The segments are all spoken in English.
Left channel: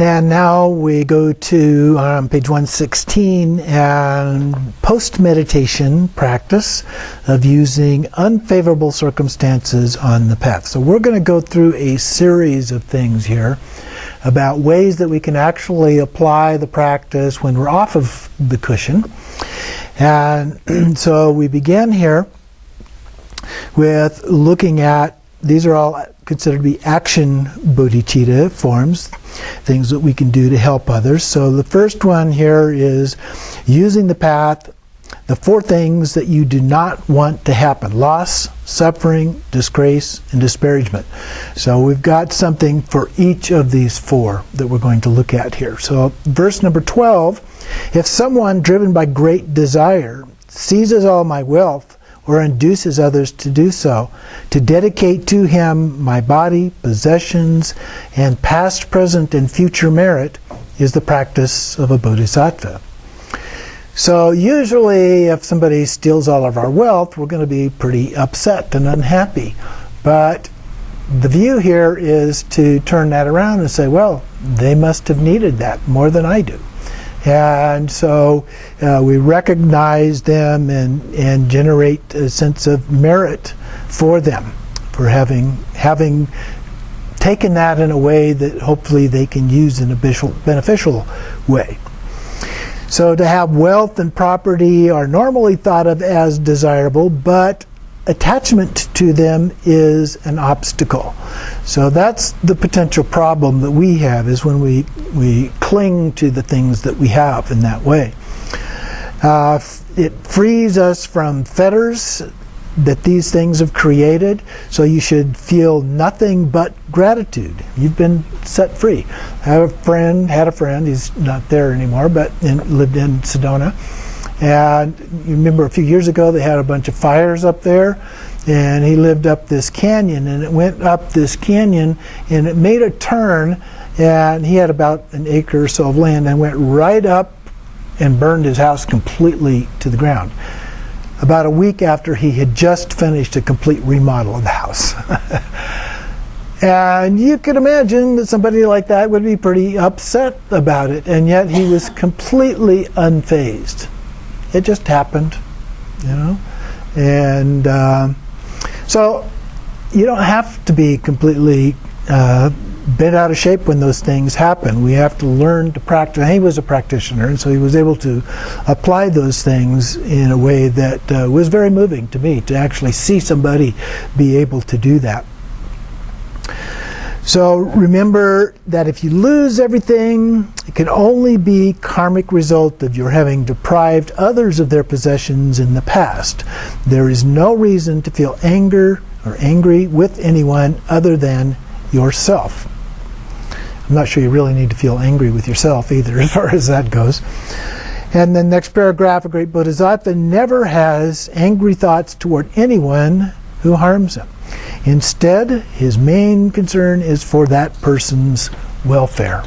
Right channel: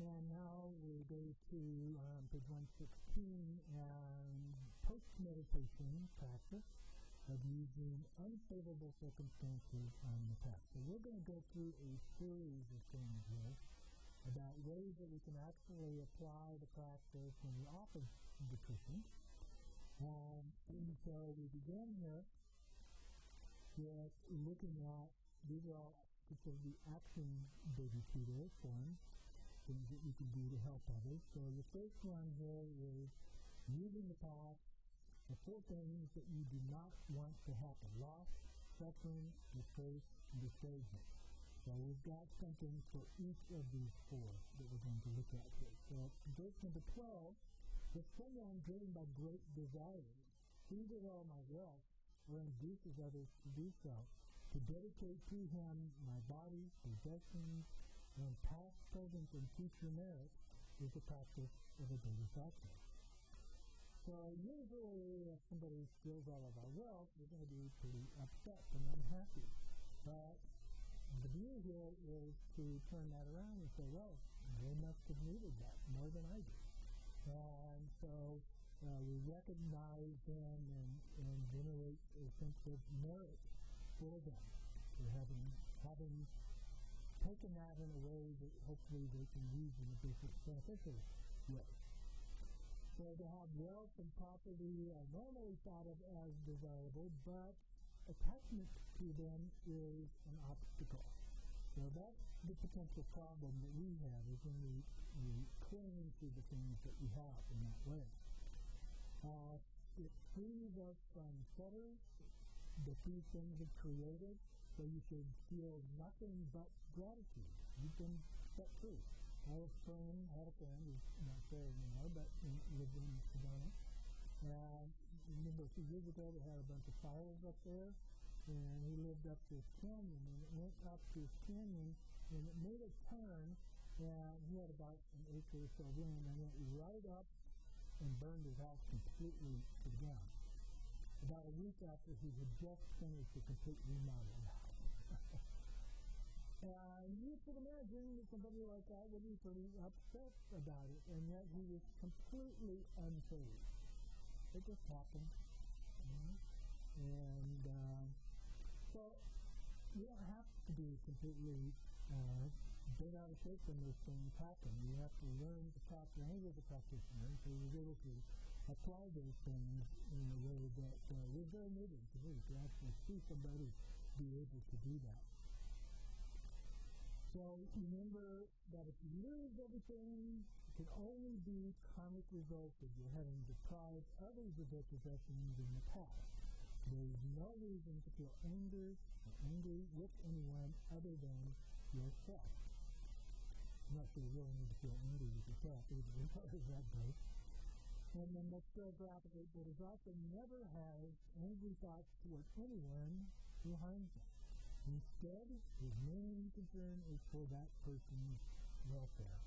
And now we go to page 116 and post-meditation practice of using unfavorable circumstances on the path. So we're going to go through a series of things here about ways that we can actually apply the practice when we're off of the cushion. And so we begin here with looking at, these are all considered to be action bodhicitta forms, things that we can do to help others. So the first one here is using the path, the 4 things that you do not want to happen: loss, suffering, disgrace, and disparagement. So we've got something for each of these 4 that we're going to look at here. So verse number 12, if someone driven by great desire seizes all my wealth or induces others to do so, to dedicate to him my body, possessions, and past, present, and future merit, is the practice of a bodhisattva. So usually if somebody steals all of our wealth, we're going to be pretty upset and unhappy. But the view here is to turn that around and say, well, they must have needed that more than I do. And so we recognize them and generate a sense of merit for them for having taken that in a way that hopefully they can use in a beneficial way. So to have wealth and property are normally thought of as desirable, but attachment to them is an obstacle. So that's the potential problem that we have, is when we cling to the things that we have in that way. It frees us from fetters that these things have created, so you should feel nothing but gratitude. You've been set free. I had a friend, he's not there anymore, but lived in Sedona. And you remember a few years ago they had a bunch of fires up there, and he lived up this canyon, and it went up this canyon and it made a turn, and he had about an acre or so of land, and went right up and burned his house completely to the ground. About a week after he had just finished a complete remodel of the house. And you could imagine that somebody like that would be pretty upset about it, and yet he was completely unfazed. It just happened, you know. And so you don't have to be completely bent out of shape when those things happen. We have to learn to practice. He was a practitioner, and so he was able to apply those things in a way that was very moving to me, to actually see somebody be able to do that. So remember that if you lose everything, it can only be karmic result of your having deprived others of their possessions in the past. There is no reason to feel anger or angry with anyone other than yourself. I'm not sure you really need to feel angry with yourself either, as far as that goes. And then next paragraph, a great bodhisattva never has angry thoughts toward anyone who harms him. Instead, his main concern is for that person's welfare.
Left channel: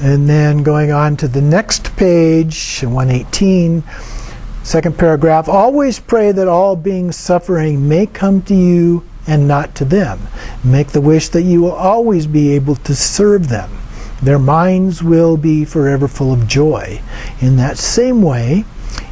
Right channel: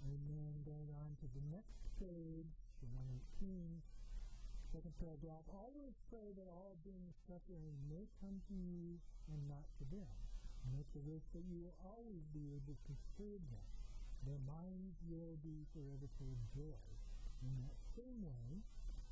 And then going on to the next page, 118, second paragraph, always pray that all beings suffering may come to you and not to them. Make the wish that you will always be able to serve them. Their minds will be forever full of joy. In that same way,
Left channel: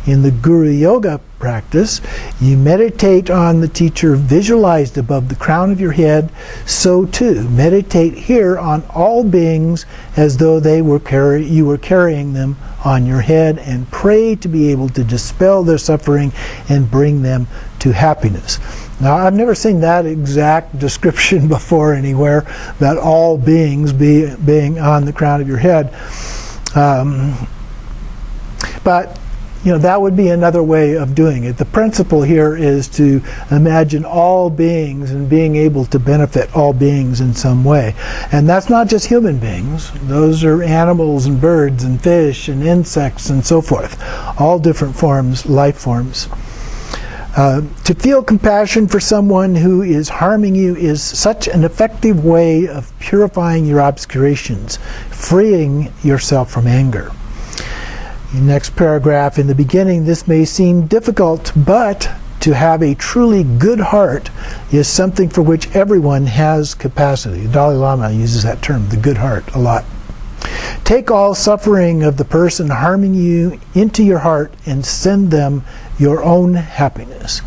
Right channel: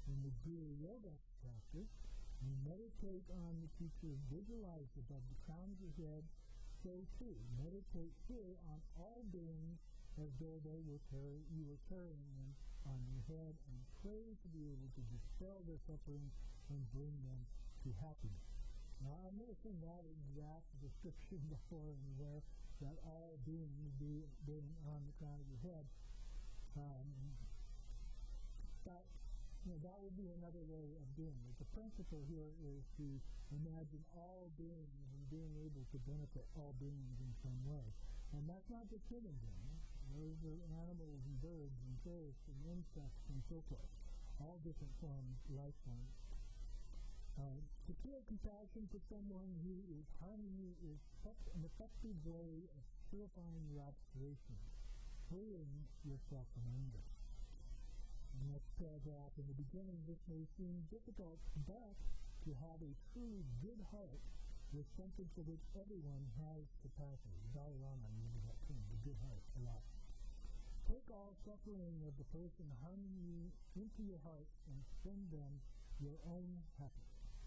in the Guru Yoga practice, you meditate on the teacher visualized above the crown of your head. So too, meditate here on all beings as though you were carrying them on your head, and pray to be able to dispel their suffering and bring them to happiness. Now, I've never seen that exact description before anywhere, about all beings being on the crown of your head. But you know, that would be another way of doing it. The principle here is to imagine all beings and being able to benefit all beings in some way. And that's not just human beings. Those are animals and birds and fish and insects and so forth. All different forms, life forms. To feel compassion for someone who is harming you is such an effective way of purifying your obscurations, freeing yourself from anger. In the next paragraph, in the beginning, this may seem difficult, but to have a truly good heart is something for which everyone has capacity. The Dalai Lama uses that term, the good heart, a lot. Take all suffering of the person harming you into your heart and send them your own happiness.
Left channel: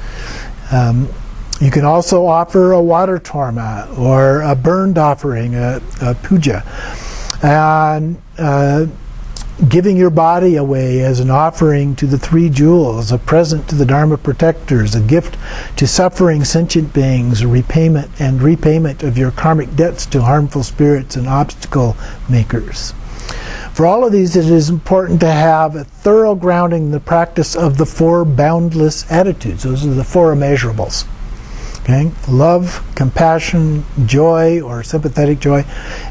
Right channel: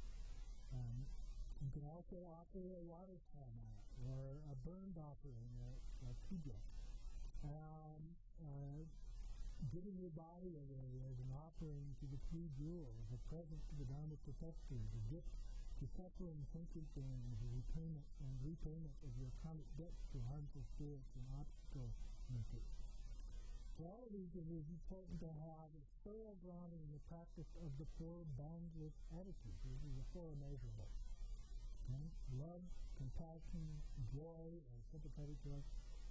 You can also offer a water torma or a burned offering, a puja, and giving your body away as an offering to the three jewels, a present to the Dharma protectors, a gift to suffering sentient beings, a repayment of your karmic debts to harmful spirits and obstacle makers. For all of these, it is important to have a thorough grounding in the practice of the four boundless attitudes. Those are the four immeasurables. Okay? Love, compassion, joy or sympathetic joy,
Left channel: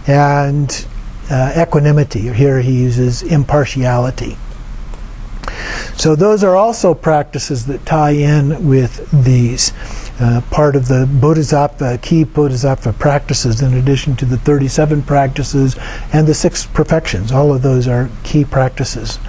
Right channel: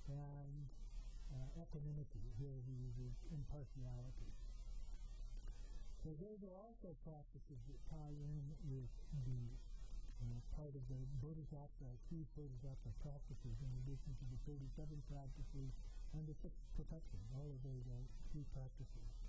and equanimity. Here he uses impartiality. So those are also practices that tie in with these. Part of the Bodhisattva, key Bodhisattva practices, in addition to the 37 practices and the 6 perfections. All of those are key practices.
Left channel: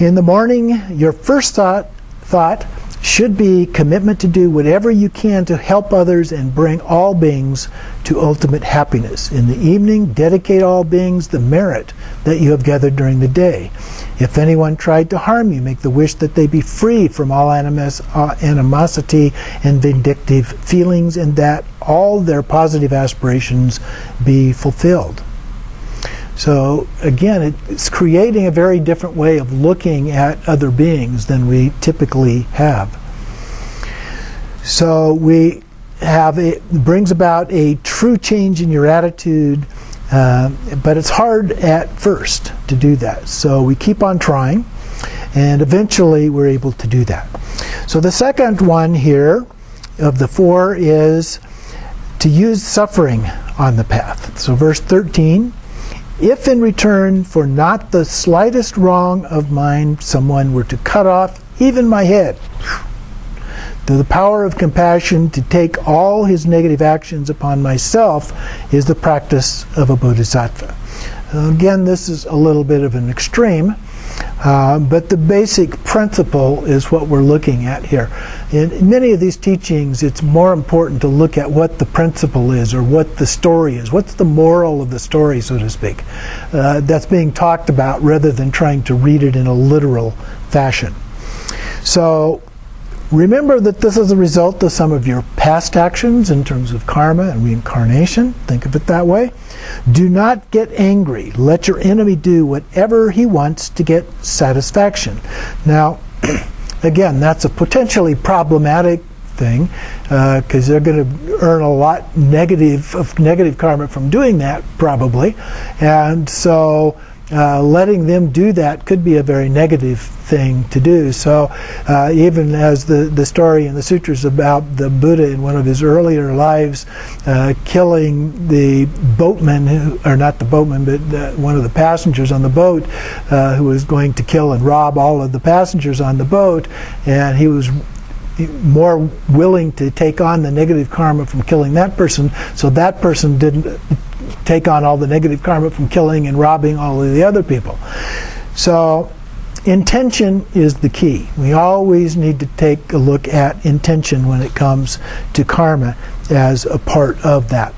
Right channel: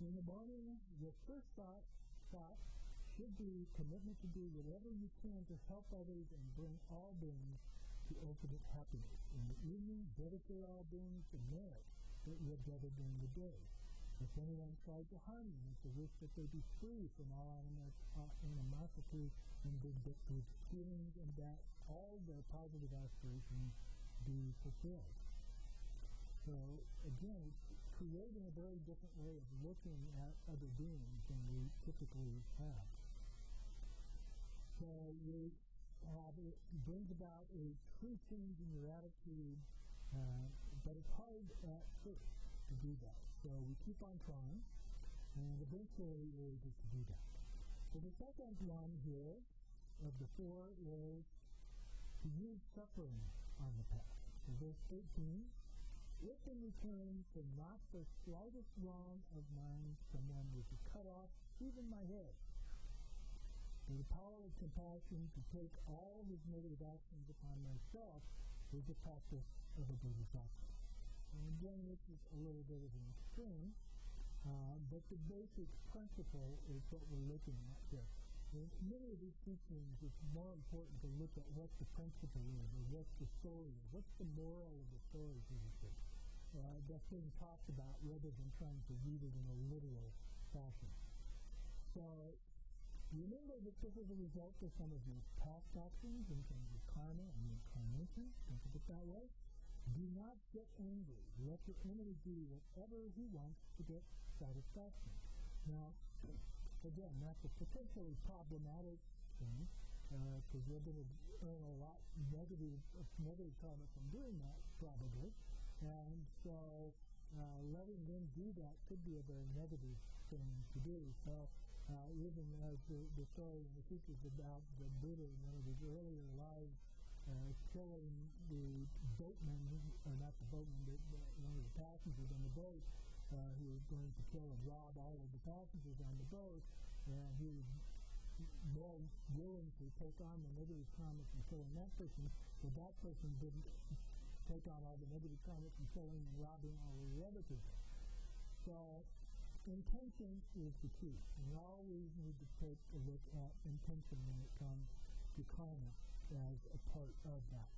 In the morning, your first thought should be commitment to do whatever you can to help others and bring all beings to ultimate happiness. In the evening, dedicate all beings the merit that you have gathered during the day. If anyone tried to harm you, make the wish that they be free from all animosity and vindictive feelings, and that all their positive aspirations be fulfilled. So again, it's creating a very different way of looking at other beings than we typically have. So it brings about a true change in your attitude, but it's hard at first to do that. So we keep on trying, and eventually we're able to do that. So the second one here of the 4 is to use suffering on the path. So verse 13, if in return for not the slightest wrong of mine someone were to cut off even my head, the power of compassion to take all his negative actions upon myself is the practice of a bodhisattva. Again, this is a little bit of an extreme, but the basic principle is what we're looking at here. In many of these teachings, it's more important to look at what the principle is or what the story is. What's the moral of the story, so to speak, that's being talked about, rather than trying to read it in a literal fashion. So remember that this is a result of some of your past actions in terms of karma and reincarnation. Think of it that way. Do not get angry. Let your enemy do whatever he wants to get satisfaction. Now, again, that's a potentially problematic thing, because they're going to earn a lot negative karma from doing that, probably. And so letting them do that could be a very negative thing to do. So even as the story in the sutras about the Buddha in one of his earlier lives killing the boatman, or not the boatman, but one of the passengers on the boat, who was going to kill and rob all of the passengers on the boat, and he was more willing to take on the negative karma from killing that person, so that person didn't take on all the negative karma from killing and robbing all of the other people. So intention is the key. We always need to take a look at intention when it comes to karma as a part of that.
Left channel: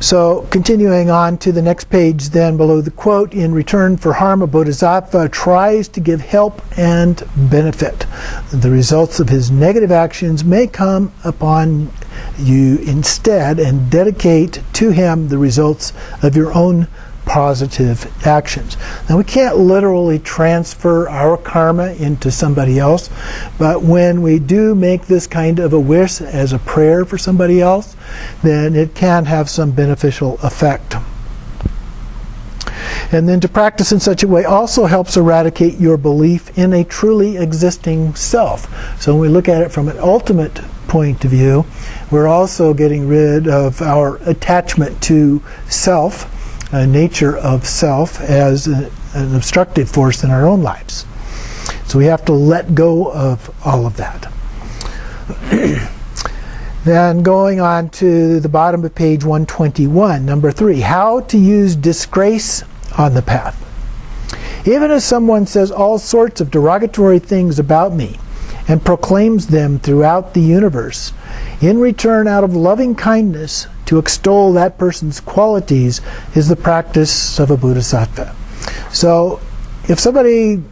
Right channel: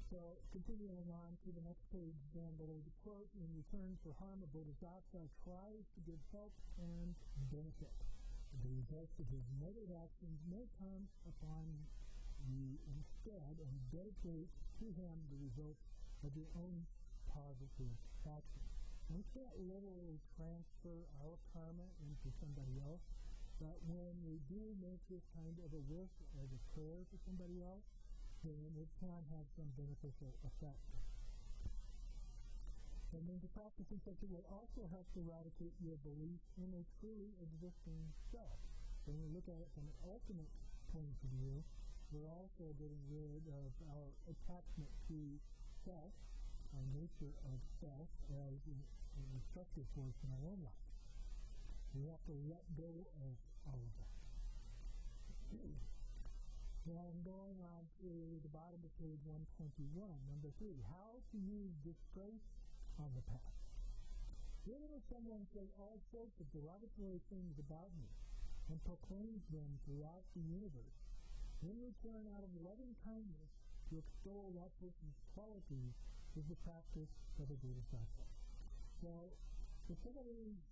So continuing on to the next page then, below the quote, in return for harm, a bodhisattva tries to give help and benefit. The results of his negative actions may come upon you instead, and dedicate to him the results of your own positive actions. Now, we can't literally transfer our karma into somebody else, but when we do make this kind of a wish as a prayer for somebody else, then it can have some beneficial effect. And then to practice in such a way also helps eradicate your belief in a truly existing self. So when we look at it from an ultimate point of view, we're also getting rid of our attachment to self, nature of self, as an obstructive force in our own lives. So we have to let go of all of that. Then going on to the bottom of page 121, number 3, how to use disgrace on the path. Even if someone says all sorts of derogatory things about me and proclaims them throughout the universe, in return, out of loving kindness, to extol that person's qualities is the practice of a bodhisattva. So, if somebody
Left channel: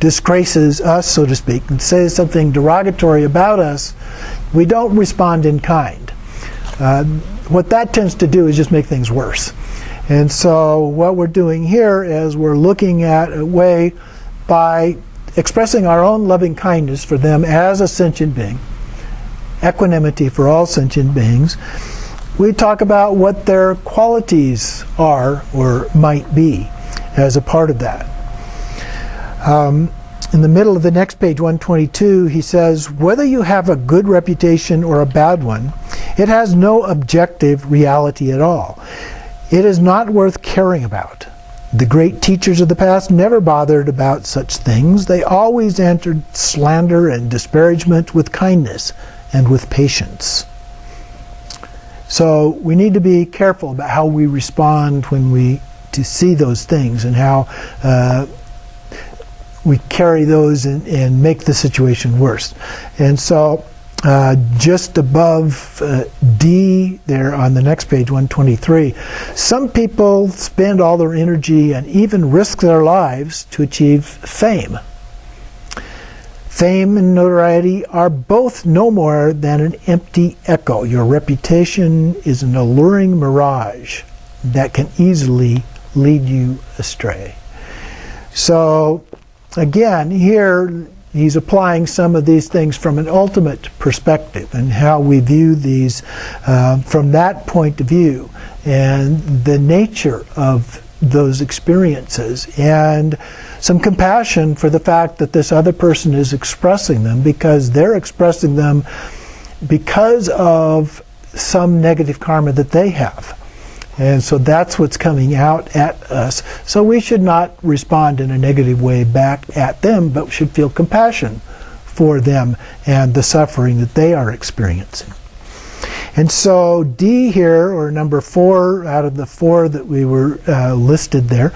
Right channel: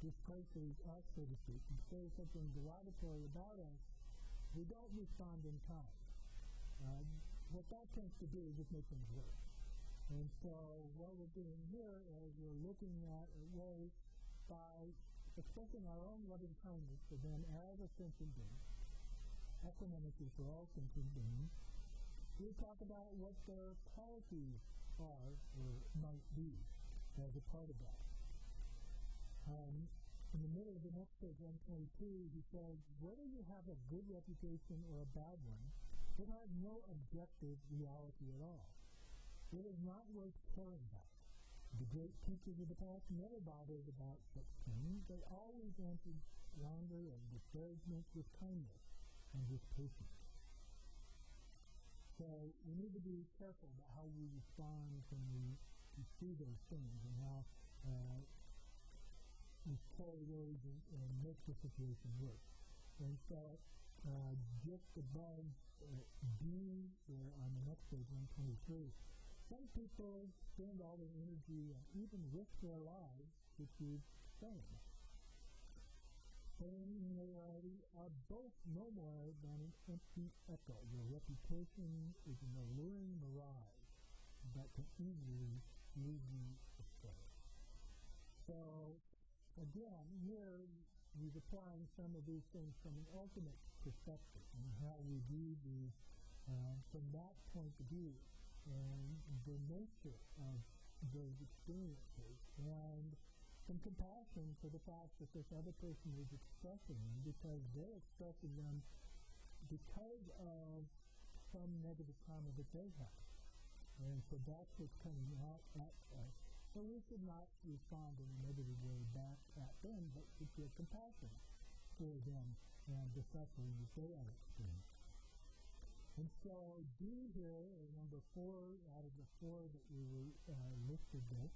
disgraces us, so to speak, and says something derogatory about us, we don't respond in kind. What that tends to do is just make things worse. And so what we're doing here is we're looking at a way by expressing our own loving kindness for them as a sentient being, equanimity for all sentient beings. We talk about what their qualities are or might be as a part of that. In the middle of the next page, 122, he says, whether you have a good reputation or a bad one, it has no objective reality at all. It is not worth caring about. The great teachers of the past never bothered about such things. They always answered slander and disparagement with kindness and with patience. So we need to be careful about how we respond when we see those things and how we carry those and make the situation worse. And so just above D there on the next page, 123, some people spend all their energy and even risk their lives to achieve fame. Fame and notoriety are both no more than an empty echo. Your reputation is an alluring mirage that can easily lead you astray. So again, here he's applying some of these things from an ultimate perspective and how we view these from that point of view and the nature of those experiences and some compassion for the fact that this other person is expressing them because they're expressing them because of some negative karma that they have. And so that's what's coming out at us. So we should not respond in a negative way back at them, but should feel compassion for them and the suffering that they are experiencing. And so D here, or number 4 out of the 4 that we were listed there,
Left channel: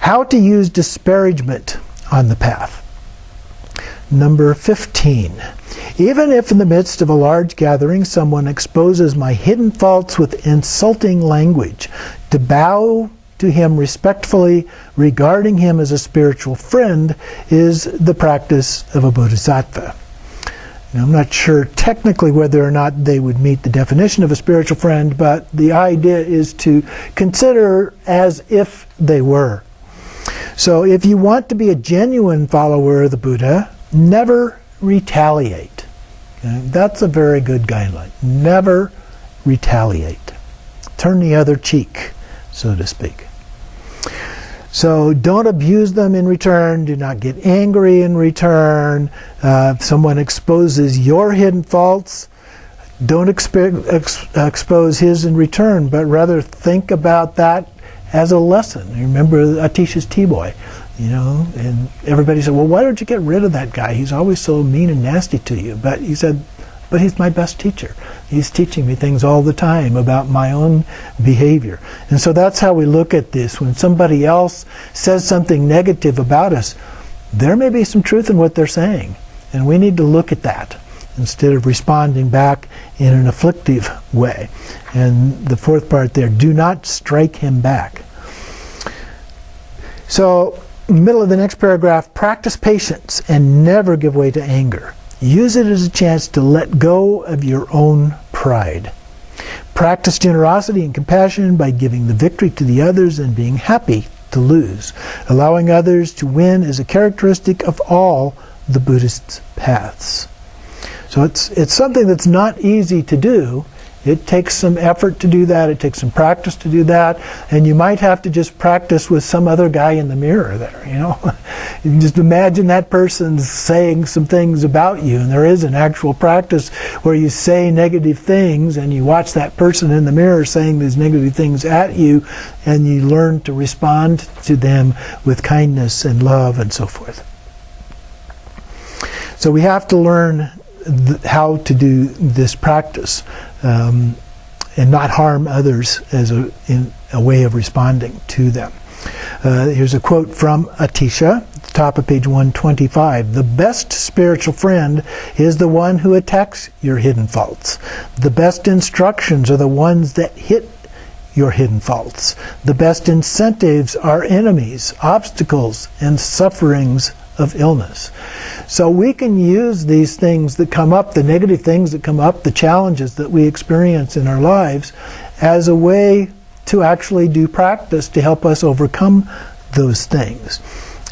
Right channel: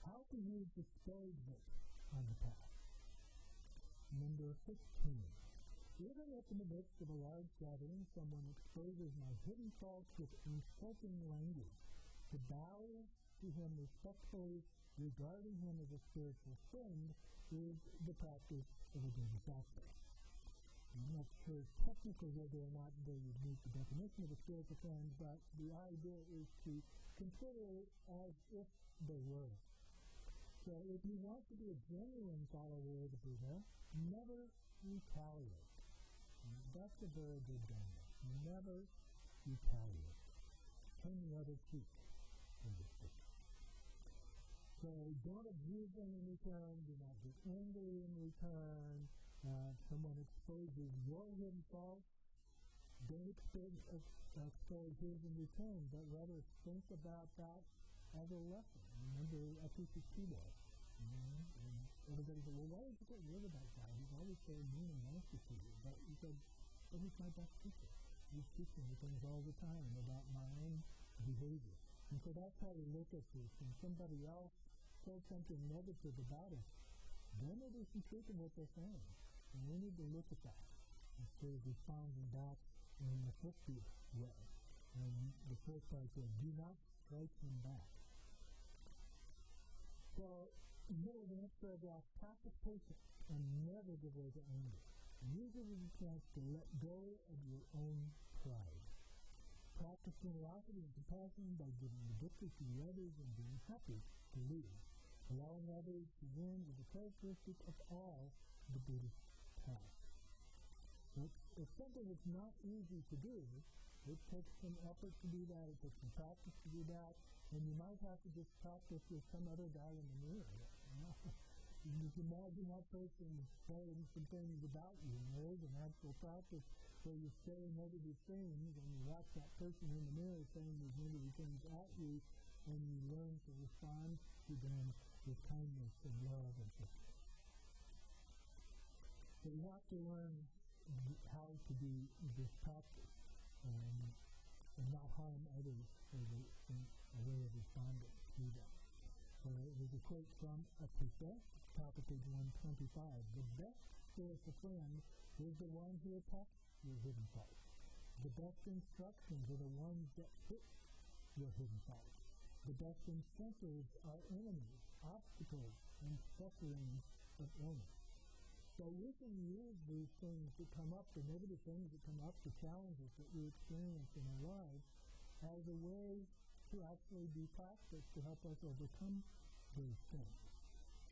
how to use disparagement on the path. Number 15. Even if in the midst of a large gathering someone exposes my hidden faults with insulting language, to bow to him respectfully, regarding him as a spiritual friend, is the practice of a bodhisattva. Now, I'm not sure technically whether or not they would meet the definition of a spiritual friend, but the idea is to consider as if they were. So if you want to be a genuine follower of the Buddha, never retaliate. Okay? That's a very good guideline. Never retaliate. Turn the other cheek, so to speak. So don't abuse them in return. Do not get angry in return. If someone exposes your hidden faults, don't expose his in return, but rather think about that as a lesson. Remember Atisha's T-boy, and everybody said, well, why don't you get rid of that guy? He's always so mean and nasty to you. But he said, but he's my best teacher. He's teaching me things all the time about my own behavior. And so that's how we look at this. When somebody else says something negative about us, there may be some truth in what they're saying. And we need to look at that instead of responding back in an afflictive way. And the fourth part there, do not strike him back. So, in the middle of the next paragraph, practice patience and never give way to anger. Use it as a chance to let go of your own pride. Practice generosity and compassion by giving the victory to the others and being happy to lose. Allowing others to win is a characteristic of all the Buddhist paths. So it's something that's not easy to do. It takes some effort to do that. It takes some practice to do that. And you might have to just practice with some other guy in the mirror there, You can just imagine that person's saying some things about you. And there is an actual practice where you say negative things and you watch that person in the mirror saying these negative things at you, and you learn to respond to them with kindness and love and so forth. So we have to learn how to do this practice. And not harm others as in a way of responding to them. Here's a quote from Atisha, at the top of page 125. The best spiritual friend is the one who attacks your hidden faults. The best instructions are the ones that hit your hidden faults. The best incentives are enemies, obstacles, and sufferings of illness. So we can use these things that come up, the negative things that come up, the challenges that we experience in our lives, as a way to actually do practice to help us overcome those things.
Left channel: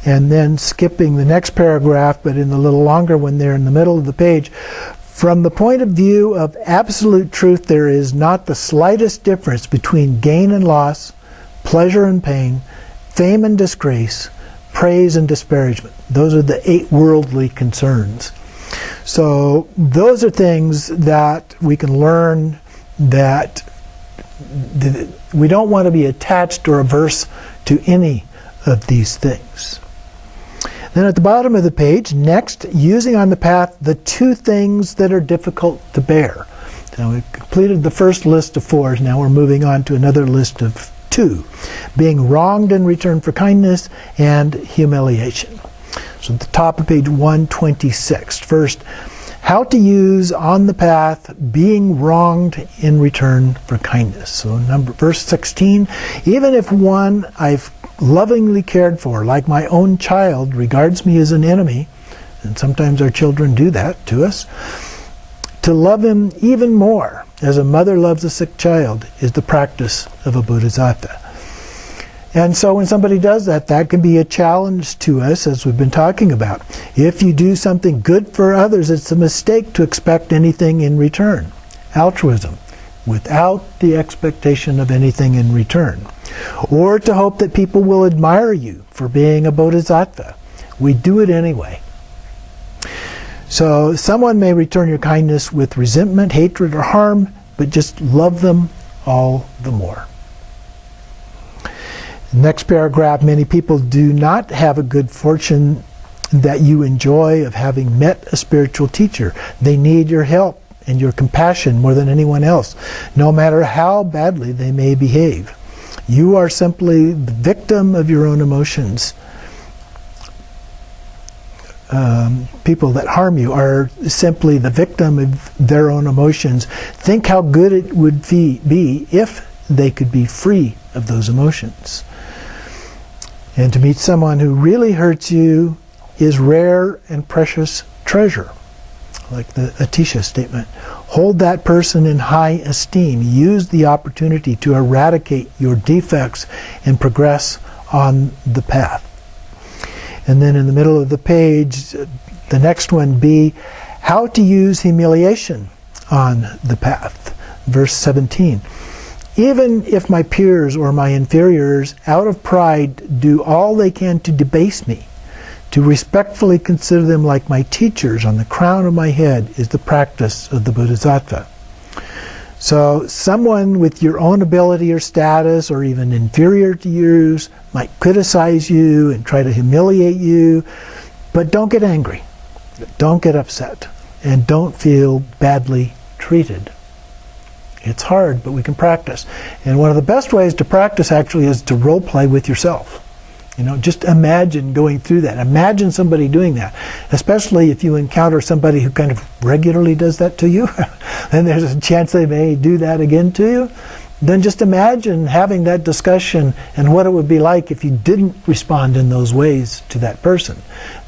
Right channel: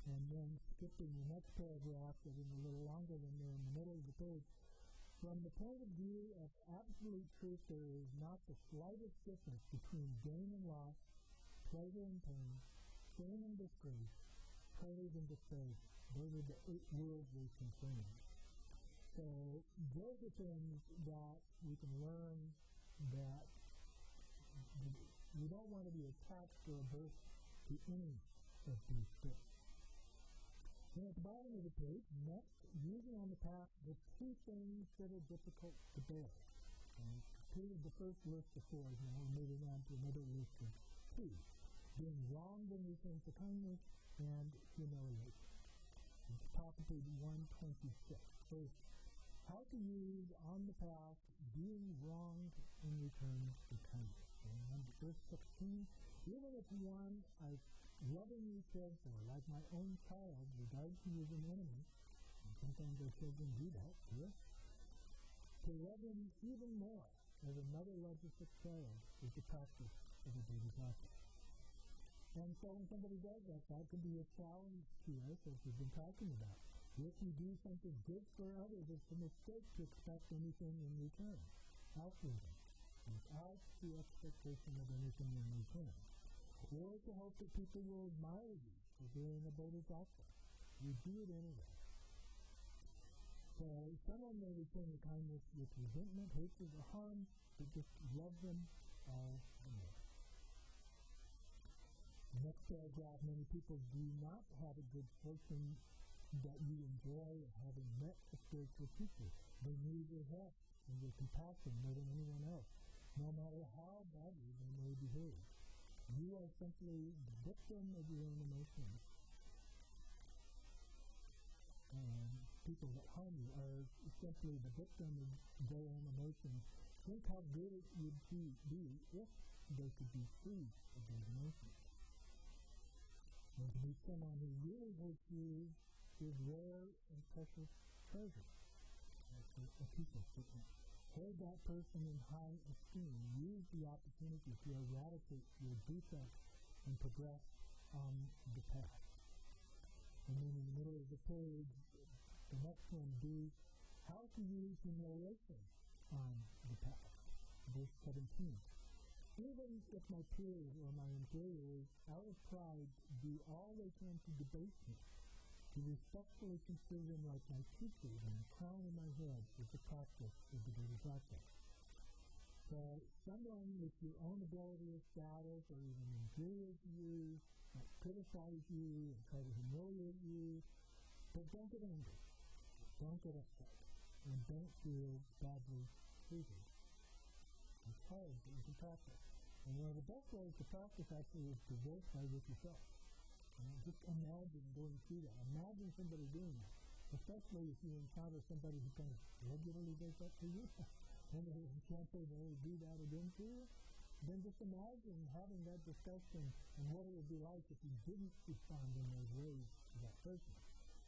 And then skipping the next paragraph, but in the little longer one there in the middle of the page, from the point of view of absolute truth, there is not the slightest difference between gain and loss, pleasure and pain, fame and disgrace, praise and disparagement. Those are the 8 worldly concerns. So those are things that we can learn, that we don't want to be attached or averse to any of these things. Then at the bottom of the page, next, using on the path the 2 things that are difficult to bear. So we've completed the first list of 4. Now we're moving on to another list of 2. Being wronged in return for kindness and humiliation. So at the top of page 126. First, how to use on the path being wronged in return for kindness. So verse 16, even if one I've lovingly cared for, like my own child, regards me as an enemy, and sometimes our children do that to us, to love him even more, as a mother loves a sick child, is the practice of a bodhisattva. And so when somebody does that, that can be a challenge to us, as we've been talking about. If you do something good for others, it's a mistake to expect anything in return. Altruism, without the expectation of anything in return. Or to hope that people will admire you for being a bodhisattva. We do it anyway. So someone may return your kindness with resentment, hatred, or harm, but just love them all the more. Next paragraph, many people do not have a good fortune that you enjoy of having met a spiritual teacher. They need your help and your compassion more than anyone else, no matter how badly they may behave. You are simply the victim of your own emotions. People that harm you are simply the victim of their own emotions. Think how good it would be if they could be free of those emotions. And to meet someone who really hurts you is rare and precious treasure, like the Atisha statement. Hold that person in high esteem. Use the opportunity to eradicate your defects and progress on the path. And then in the middle of the page, the next one, B, how to use humiliation on the path. Verse 17. Even if my peers or my inferiors, out of pride, do all they can to debase me, to respectfully consider them like my teachers on the crown of my head is the practice of the Bodhisattva. So someone with your own ability or status, or even inferior to yours, might criticize you and try to humiliate you, but don't get angry, don't get upset, and don't feel badly treated. It's hard, but we can practice. And one of the best ways to practice actually is to role play with yourself. You know, just imagine going through that. Imagine somebody doing that, especially if you encounter somebody who kind of regularly does that to you, and there's a chance they may do that again to you. Then just imagine having that discussion and what it would be like if you didn't respond in those ways to that person,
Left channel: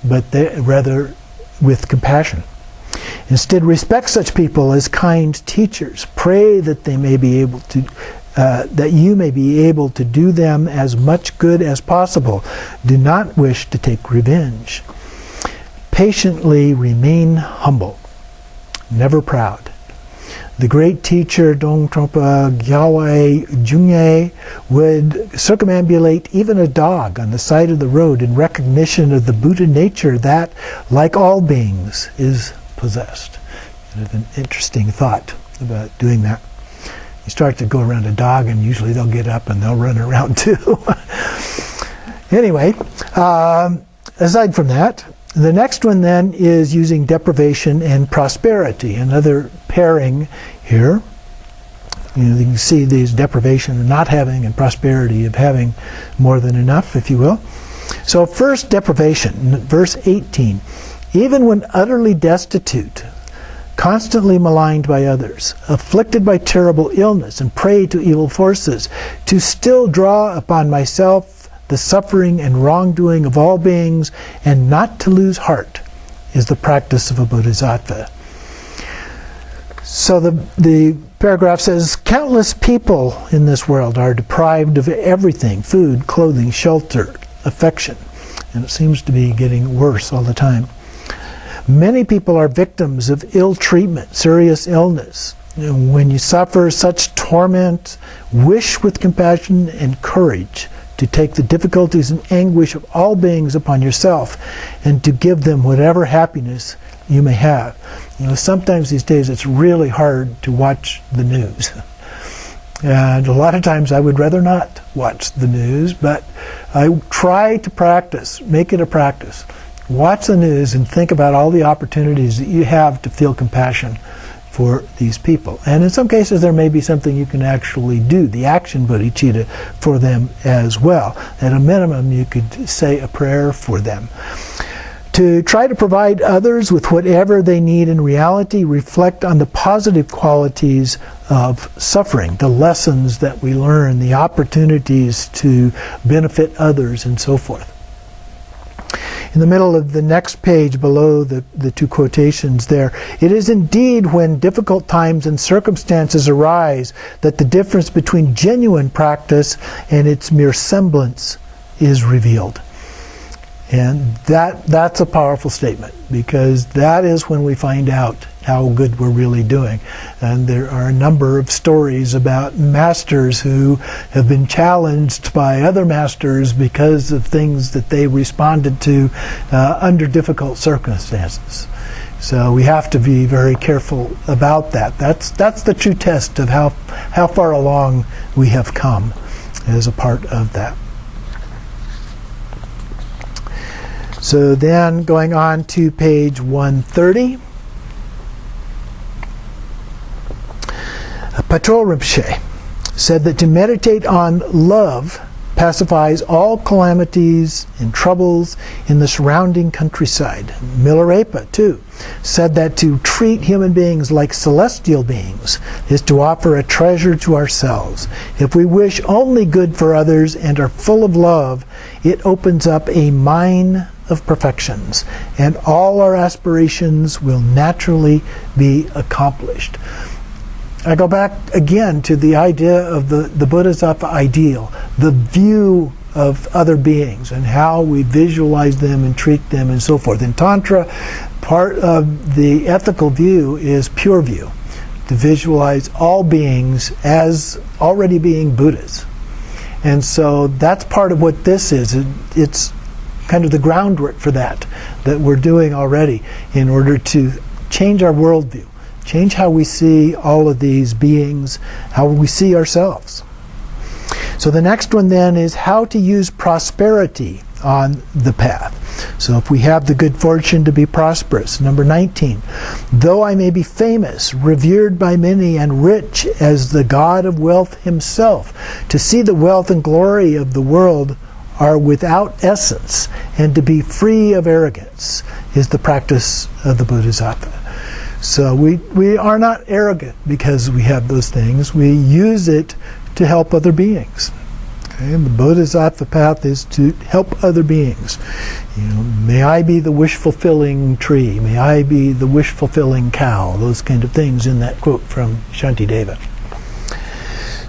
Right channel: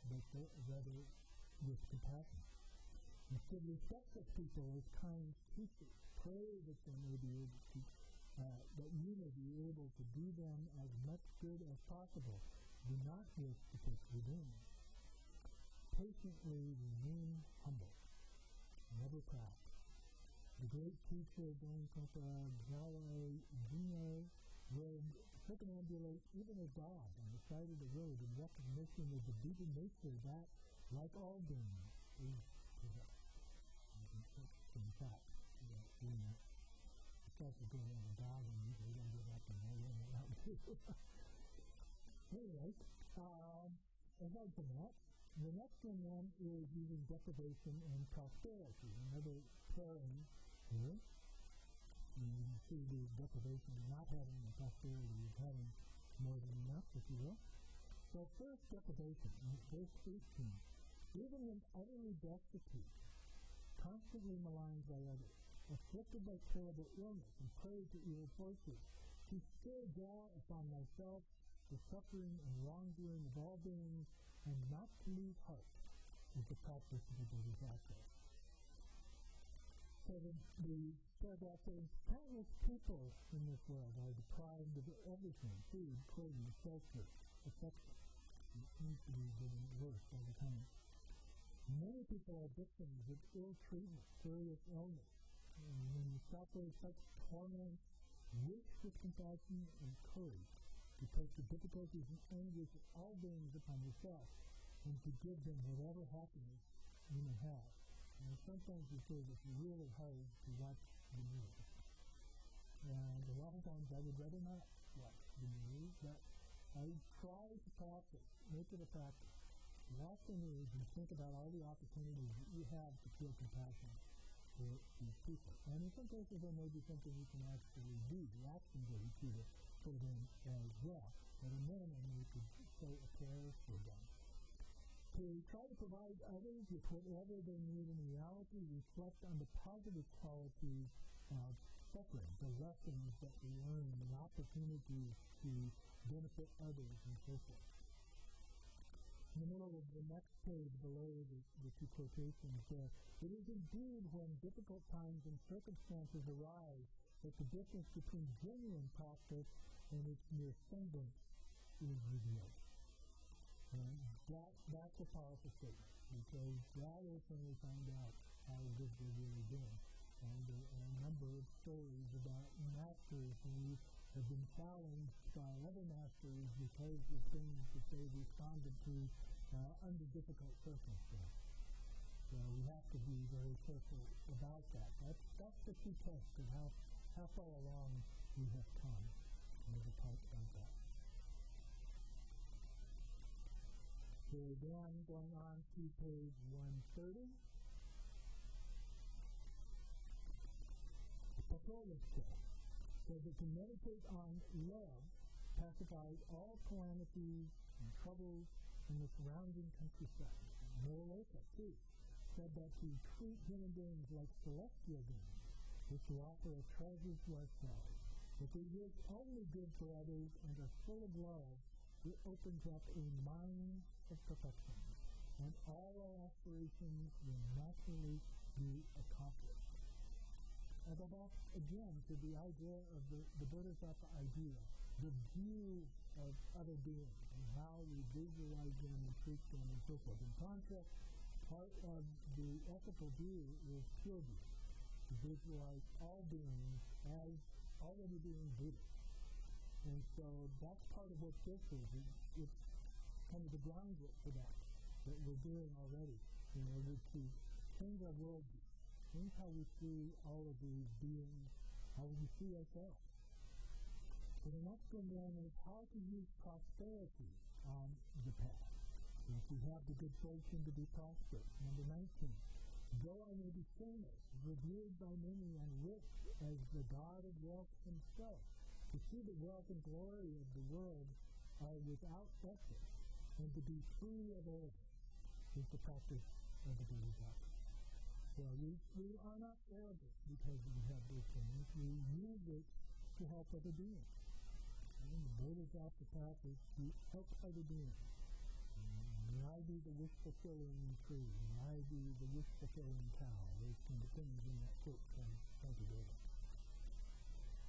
but rather with compassion. Instead, respect such people as kind teachers. Pray that they may be able to that you may be able to do them as much good as possible. Do not wish to take revenge. Patiently remain humble, never proud. The great teacher Dong Trungpa Gyalwai Jungye would circumambulate even a dog on the side of the road in recognition of the Buddha nature that, like all beings, is possessed. Kind of an interesting thought about doing that. You start to go around a dog and usually they'll get up and they'll run around too. Anyway, aside from that, the next one then is using deprivation and prosperity, another pairing here. You can see these deprivation of not having and prosperity of having more than enough, if you will. So first, deprivation, verse 18. Even when utterly destitute, constantly maligned by others, afflicted by terrible illness, and prey to evil forces, to still draw upon myself the suffering and wrongdoing of all beings, and not to lose heart, is the practice of a bodhisattva. So the paragraph says, countless people in this world are deprived of everything: food, clothing, shelter, affection. And it seems to be getting worse all the time. Many people are victims of ill treatment, serious illness. And when you suffer such torment, wish with compassion and courage to take the difficulties and anguish of all beings upon yourself, and to give them whatever happiness you may have. Sometimes these days it's really hard to watch the news. And a lot of times I would rather not watch the news, but I try to practice, make it a practice. Watch the news and think about all the opportunities that you have to feel compassion for these people. And in some cases there may be something you can actually do, the action bodhicitta, for them as well. At a minimum, you could say a prayer for them. To try to provide others with whatever they need in reality, reflect on the positive qualities of suffering, the lessons that we learn, the opportunities to benefit others, and so forth. In the middle of the next page, below the two quotations there, it is indeed when difficult times and circumstances arise that the difference between genuine practice and its mere semblance is revealed. And that's a powerful statement, because that is when we find out how good we're really doing. And there are a number of stories about masters who have been challenged by other masters because of things that they responded to under difficult circumstances. So we have to be very careful about that. That's the true test of how far along we have come as a part of that. So then, going on to page 130, Patrol Rinpoche said that to meditate on love pacifies all calamities and troubles in the surrounding countryside. Milarepa, too, said that to treat human beings like celestial beings is to offer a treasure to ourselves. If we wish only good for others and are full of love, it opens up a mine of perfections, and all our aspirations will naturally be accomplished. I go back again to the idea of the Bodhisattva ideal, the view of other beings and how we visualize them and treat them and so forth. In Tantra, part of the ethical view is pure view, to visualize all beings as already being Buddhas. And so that's part of what this is. It's kind of the groundwork for that we're doing already in order to change our worldview, change how we see all of these beings, how we see ourselves. So the next one then is how to use prosperity on the path. So if we have the good fortune to be prosperous, number 19, though I may be famous, revered by many, and rich as the God of wealth himself, to see the wealth and glory of the world are without essence, and to be free of arrogance is the practice of the Bodhisattva. So we are not arrogant because we have those things. We use it to help other beings. Okay? And the Bodhisattva path is to help other beings. May I be the wish-fulfilling tree. May I be the wish-fulfilling cow. Those kind of things in that quote from Shantideva.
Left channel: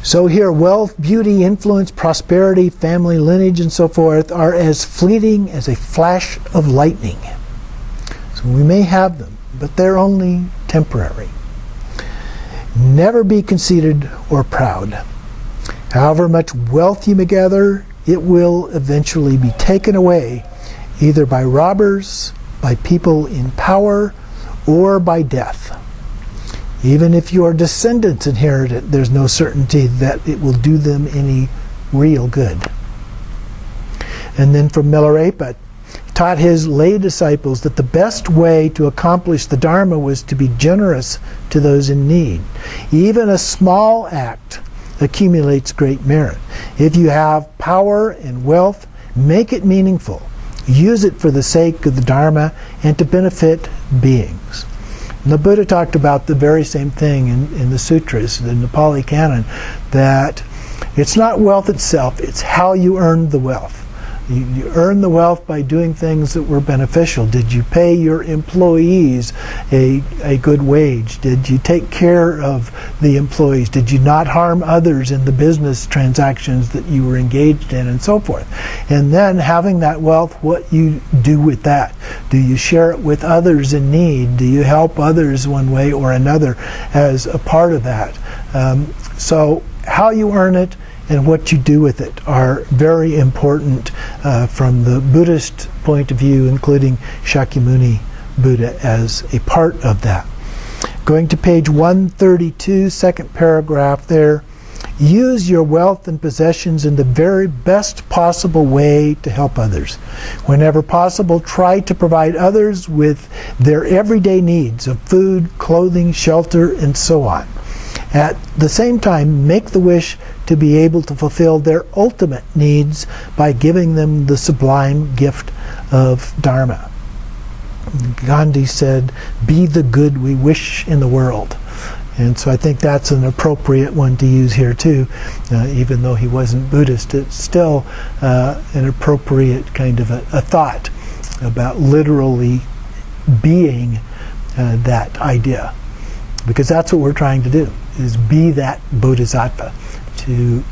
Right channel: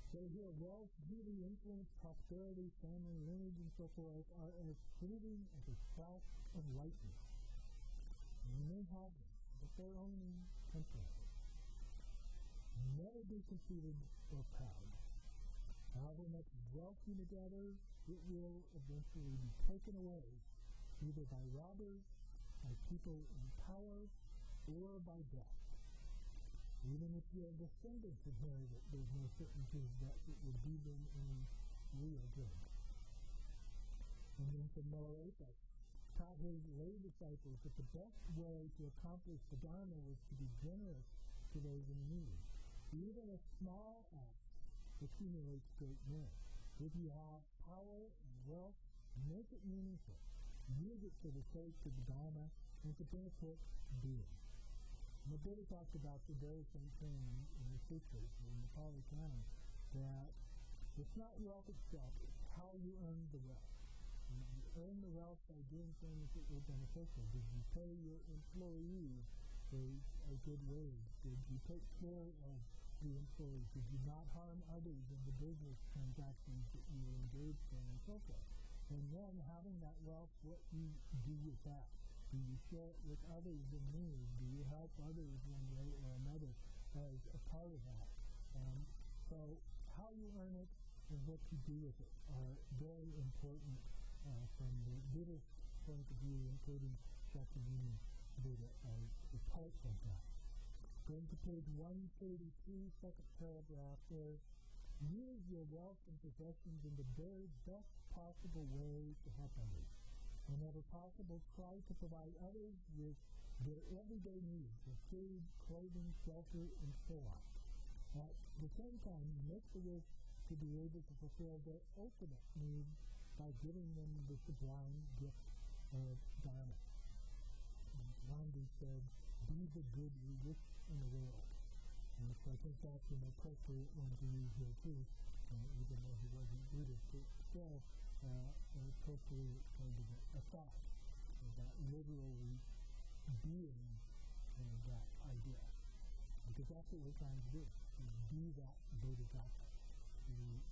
So here, wealth, beauty, influence, prosperity, family, lineage, and so forth are as fleeting as a flash of lightning. So we may have them, but they're only temporary. Never be conceited or proud. However much wealth you may gather, it will eventually be taken away, either by robbers, by people in power, or by death. Even if your descendants inherit it, there's no certainty that it will do them any real good. And then from Milarepa, taught his lay disciples that the best way to accomplish the Dharma was to be generous to those in need. Even a small act accumulates great merit. If you have power and wealth, make it meaningful. Use it for the sake of the Dharma and to benefit beings. And the Buddha talked about the very same thing in the sutras, the Nepali canon, that it's not wealth itself, it's how you earn the wealth. You earn the wealth by doing things that were beneficial. Did you pay your employees a good wage? Did you take care of the employees? Did you not harm others in the business transactions that you were engaged in, and so forth? And then having that wealth, what you do with that. Do you share it with others in need? Do you help others one way or another as a part of that? So how you earn it and what you do with it are very important from the Buddhist point of view, including Shakyamuni Buddha as a part of that. Going to page 132, second paragraph there. Use your wealth and possessions in the very best possible way to help others. Whenever possible, try to provide others with their everyday needs of food, clothing, shelter, and so on. At the same time, make the wish to be able to fulfill their ultimate needs by giving them the sublime gift of Dharma. Gandhi said, "Be the good we wish in the world." And so I think that's an appropriate one to use here too. Even though he wasn't Buddhist, it's still an appropriate kind of a thought about literally being that idea. Because that's what we're trying to do, is be that bodhisattva, to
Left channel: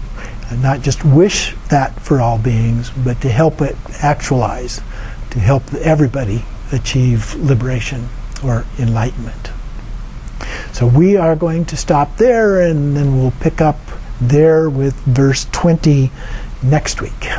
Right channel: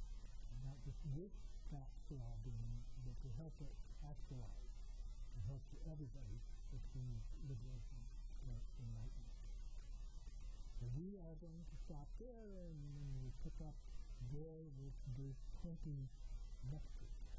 not just wish that for all beings, but to help it actualize, to help everybody achieve liberation or enlightenment. So we are going to stop there, and then we'll pick up there with verse 20 next week.